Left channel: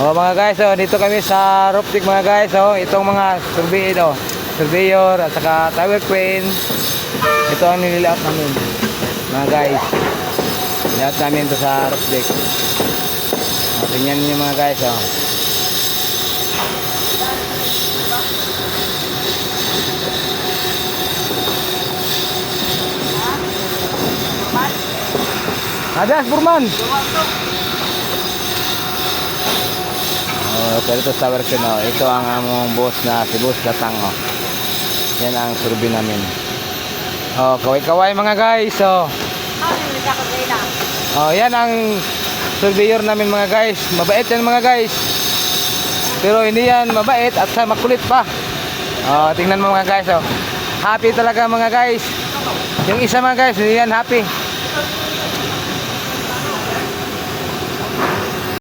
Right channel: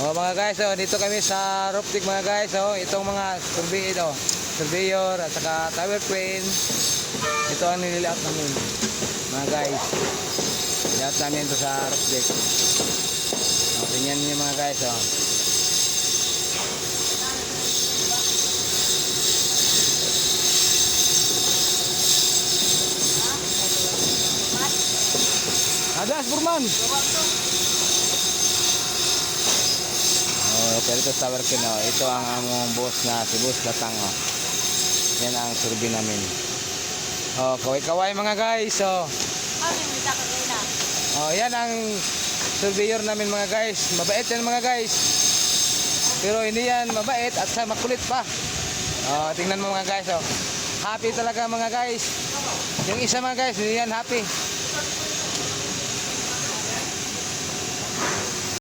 Oh mga guys, oh, dito kami sa roof deck mga guys. Oh, itong mga surveyor at saka tower crane. Ito ang nililayout namin. Mga guys. Layout namin ito sa roof deck. Oh, tingnan niyo mga guys, oh. Adas Burman. Oh, pero ito tower crane, oh. Ito ang among boss na si Boss Latang, oh. Yan ang survey namin. Oh, kaway-kaway mga guys, oh. Oh, yan ang surveyor namin mga guys. Mabait yan mga guys. Pero hindi yan mabait at sa makulit pa. Oh, tingnan mo mga guys, oh. Happy talaga mga guys. Yung isa mga guys, hindi yan happy.